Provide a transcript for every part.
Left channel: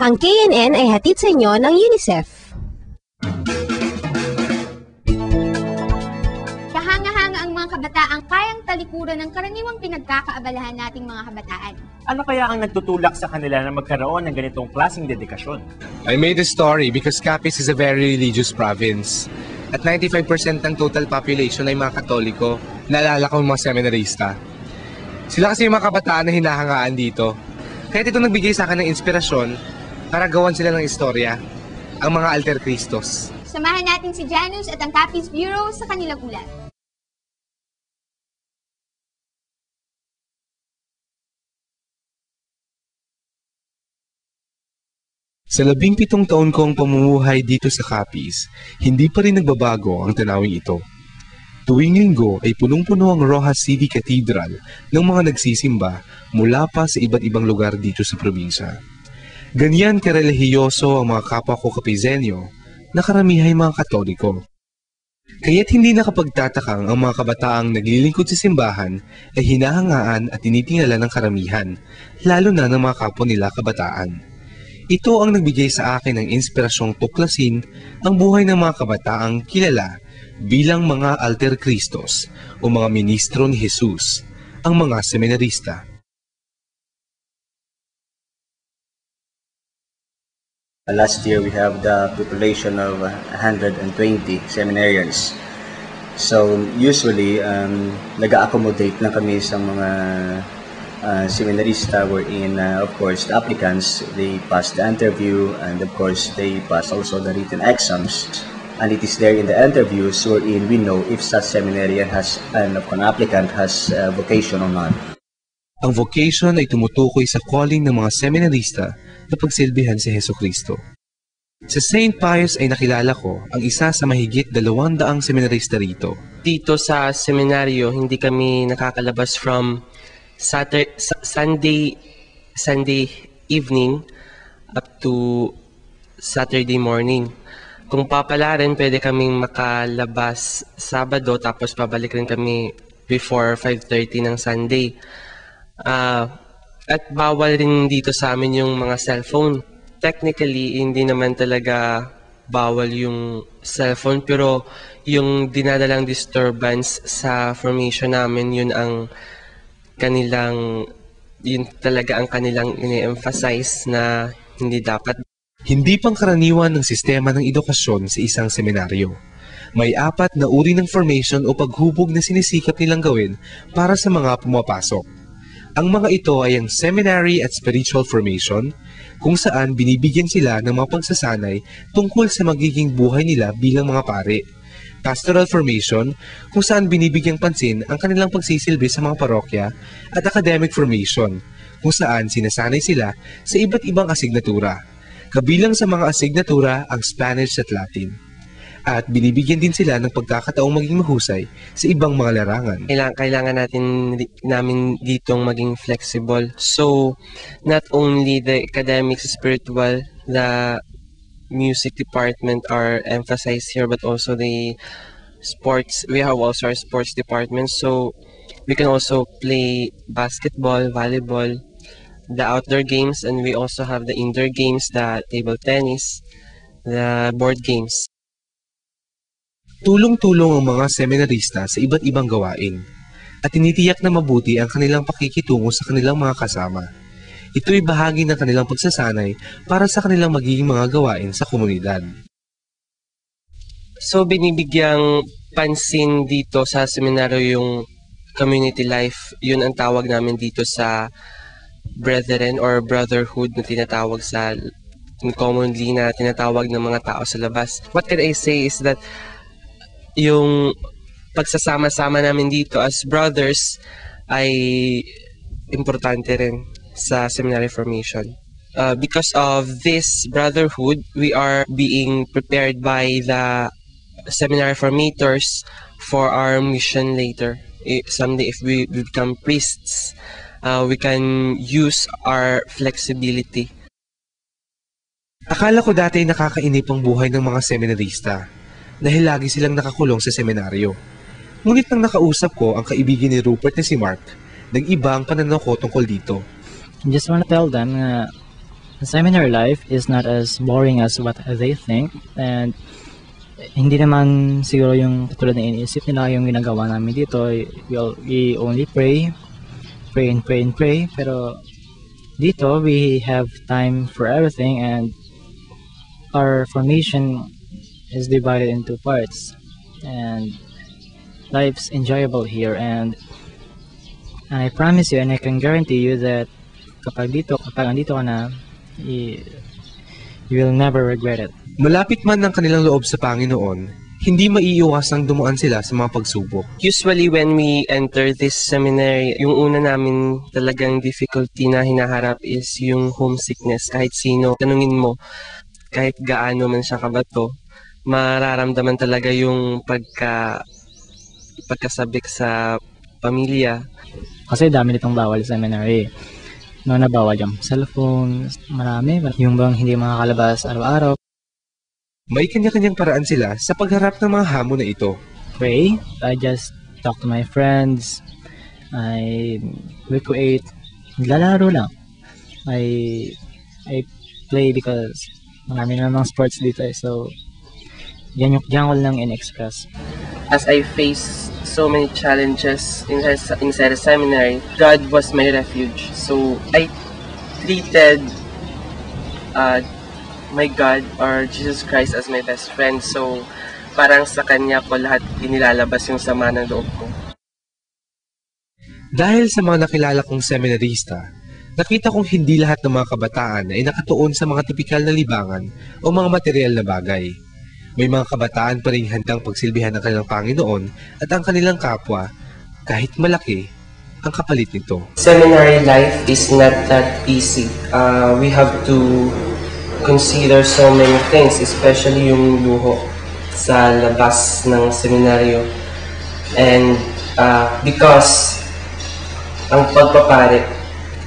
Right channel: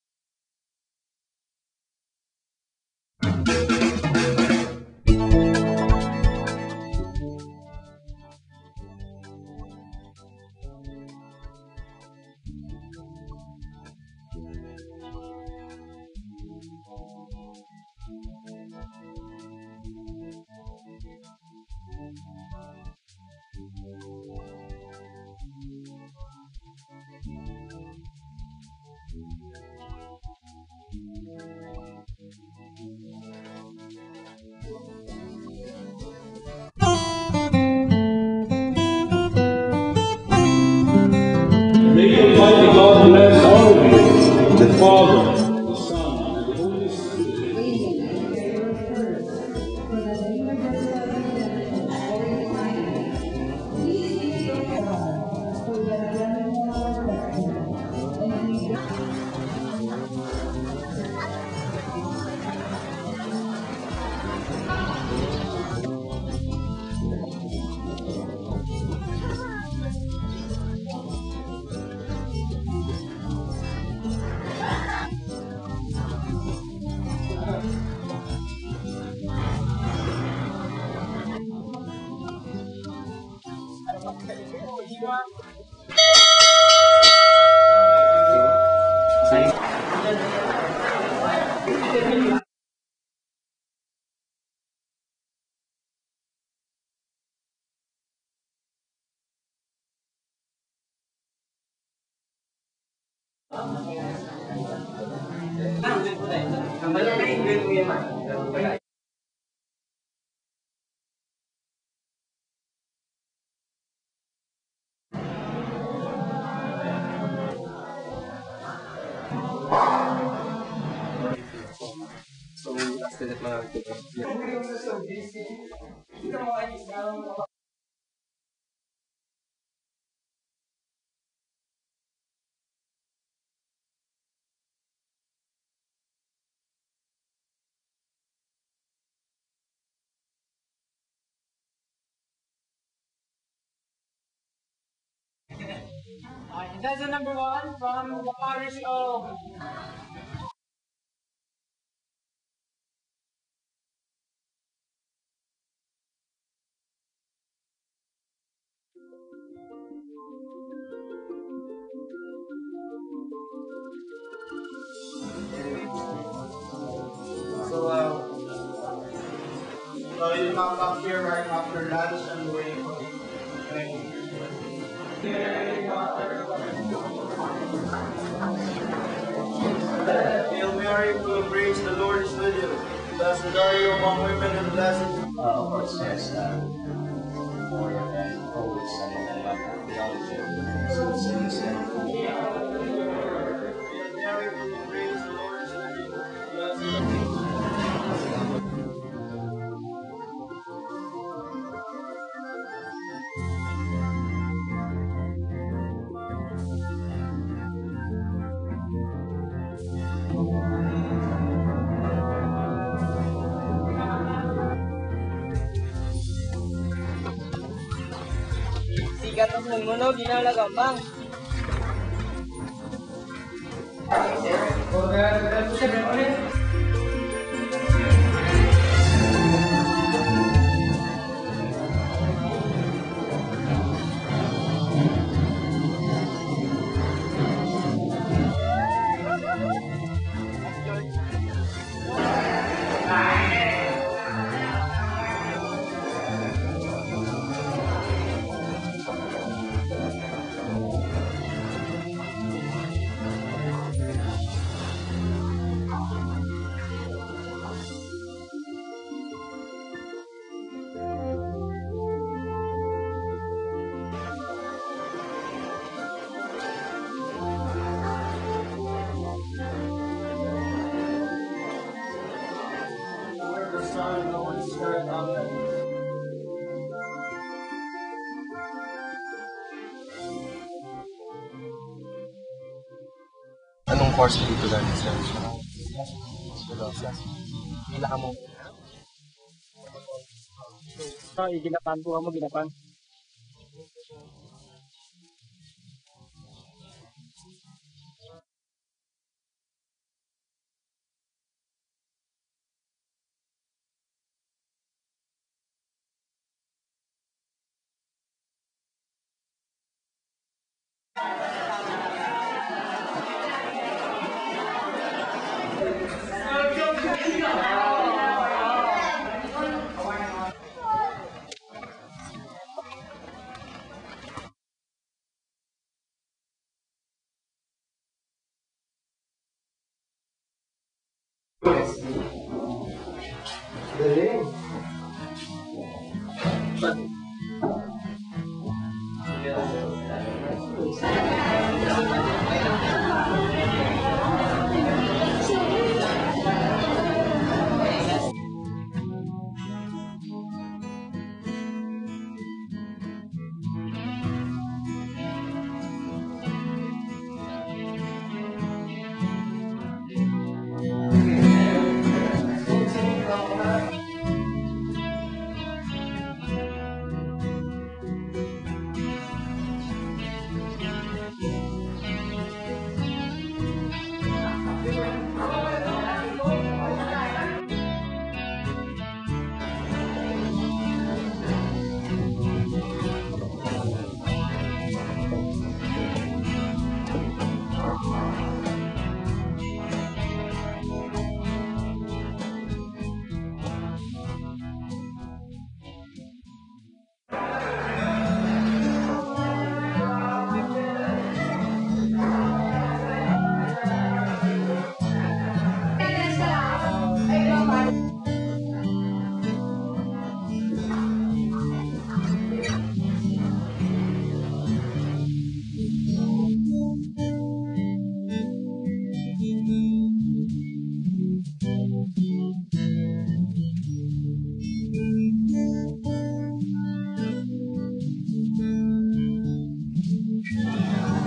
Ang KNN ay hatid sa inyo ng UNICEF. Kahanga-hanga ang mga kabataang kayang talikuran ng karaniwang pinagkakaabalahan nating mga kabataan. Ano kaya ang nagtutulak sa kanila na magkaroon ng ganitong klaseng dedikasyon? I made a story because Capiz is a very religious province. At 95% ng total population ay mga Katoliko. Naalala ko mga seminarista. Sila kasi yung mga kabataan na hinahangaan dito. Kaya ito nagbigay sa akin ng inspirasyon para gawan sila ng istorya, ang mga Alter Cristos. Samahan natin si Janus at ang Capiz Bureau sa kanilang ulat. Sa 17 taon kong pamumuhay dito sa Capiz, hindi pa rin nagbabago ang tanawing ito. Tuwing linggo ay punong-puno ang Rojas City Cathedral ng mga nagsisimba mula pa sa iba't ibang lugar dito sa probinsya. Ganyan karelihiyoso ang mga kapwa ko Capizenyo na karamihay mga Katoliko. Kaya't hindi nakapagtatakang ang mga kabataang naglilingkod sa simbahan ay hinahangaan at tinitingala ng karamihan, lalo na ng mga kapwa nila kabataan. Ito ang nagbigay sa akin ng inspirasyong tuklasin ang buhay ng mga kabataang kilala bilang mga Alter Cristos o mga ministro ni Jesus, ang mga seminarista. Last year, we have the population of 120 seminarians. So, usually, nag-accommodate na kami sa mga seminarista wherein, of course, the applicants, they pass the interview and, of course, they pass also the written exams. And it is there in the interviews wherein we know if such seminarian has, and of an applicant has vocation or not. Ang vocation ay tumutukoy sa calling ng mga seminarista na pagsilbihan sa Hesukristo. Sa St. Pius ay nakilala ko ang isa sa mahigit 200 seminarista rito. Dito sa seminaryo, hindi kami nakakalabas from Sunday evening up to Saturday morning. Kung papalarin, pwede kaming makalabas Sabado tapos pabalik rin kami before 5:30 ng Sunday. At bawal rin dito sa amin yung mga cellphone. Technically, hindi naman talaga bawal yung cellphone, pero yung dinadalang disturbance sa formation namin, yun talaga ang kanilang ini-emphasize na hindi dapat. Hindi pangkaraniwan ng sistema ng edukasyon sa isang seminaryo. May 4 na uri ng formation o paghubog na sinisikap nilang gawin para sa mga pumapasok. Ang mga ito ay ang seminary at spiritual formation, kung saan binibigyan sila ng mga pagsasanay tungkol sa magiging buhay nila bilang mga pare. Pastoral formation, kung saan binibigyang pansin ang kanilang pagsisilbi sa mga parokya, at academic formation, kung saan sinasanay sila sa iba't ibang asignatura. Kabilang sa mga asignatura ang Spanish at Latin. At binibigyan din sila ng pagkakataong maging mahusay sa ibang mga larangan. Kailangan namin ditong maging flexible. So, not only the academics, spiritual, the music department are emphasized here, but also the sports. We have also our sports department. So, we can also play basketball, volleyball, the outdoor games, and we also have the indoor games, the table tennis, the board games. Tulong-tulong ang mga seminarista sa iba't ibang gawain at tinitiyak na mabuti ang kanilang pakikitungo sa kanilang mga kasama. Ito'y bahagi ng kanilang pagsasanay para sa kanilang magiging mga gawain sa komunidad. So binibigyang pansin dito sa seminaryo yung community life. Yun ang tawag namin dito sa brethren or brotherhood na tinatawag sa commonly na tinatawag ng mga tao sa labas. What can I say is that yung pagsasama-sama namin dito as brothers ay importante rin sa seminary formation. Because of this brotherhood, we are being prepared by the seminary formators for our mission later. Someday if we become priests, we can use our flexibility. Anong course dito dati? Akala ko dati nakakainip ang buhay ng mga seminarista dahil lagi silang nakakulong sa seminaryo. Ngunit nang nakausap ko ang kaibigan ni Rupert na si Mark, nag-iba ang pananaw ko tungkol dito. Just want to tell them Seminary life is not as boring as what they think, and hindi naman siguro yung katulad na iniisip nila yung ginagawa namin dito. We only pray and pray, pero dito we have time for everything, and our formation is divided into parts, and life's enjoyable here, and I promise you and I can guarantee you that kapag andito ka na, you will never regret it. Malapit man ang kanilang loob sa Panginoon, hindi maiiwasang dumaan sila sa mga pagsubok. Usually when we enter this seminary, yung una namin talagang difficulty na hinaharap is yung homesickness. Kahit sino, tanungin mo, kahit gaano man siya kabato, mararamdaman talaga yung pagkasabik sa pamilya. Kasi dami nitong bawal sa seminary. Mga nabawal yung cellphone, marami. Yung bang hindi makakalabas araw-araw. May kanya-kanyang paraan sila sa pagharap ng mga hamon na ito. Pray, I just talk to my friends. I recreate, naglalaro lang. I play because marami na ng sports dito. So, yan ko lang in-express. As I face so many challenges inside the seminary, God was my refuge. So I treated my God or Jesus Christ as my best friend. So parang sa Kanya ko lahat inilalabas yung sama ng loob ko. Dahil sa mga nakilala kong seminarista, nakita kong hindi lahat ng mga kabataan ay nakatuon sa mga tipikal na libangan o mga material na bagay. May mga kabataan pa rin handang pagsilbihan ng kanilang Panginoon at ang kanilang kapwa, kahit malaki ang kapalit nito. Seminary life is not that easy. We have to consider so many things, especially yung luho sa labas ng seminaryo. And because ang pagpapare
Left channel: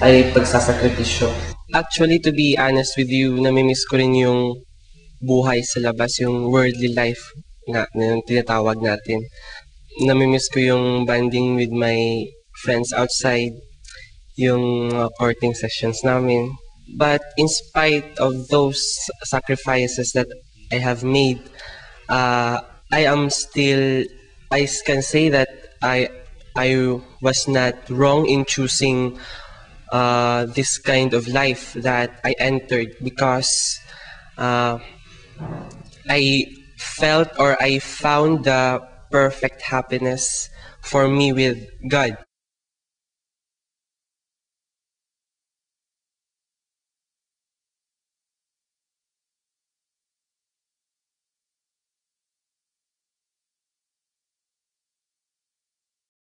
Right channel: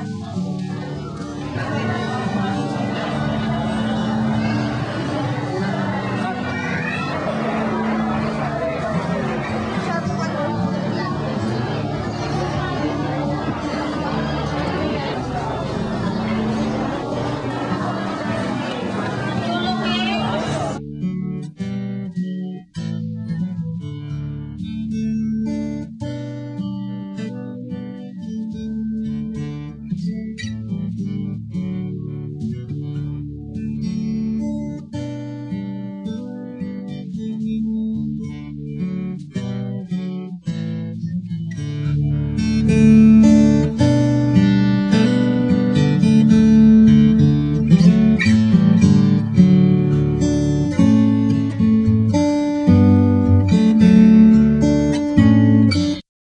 ay pagsasakripisyo. Actually, to be honest with you, namimiss ko rin yung buhay sa labas, yung worldly life na yung tinatawag natin. Namimiss ko yung bonding with my friends outside, yung courting sessions namin. But in spite of those sacrifices that I have made, I can say that I was not wrong in choosing this kind of life that I entered, because I felt or I found the perfect happiness for me with God.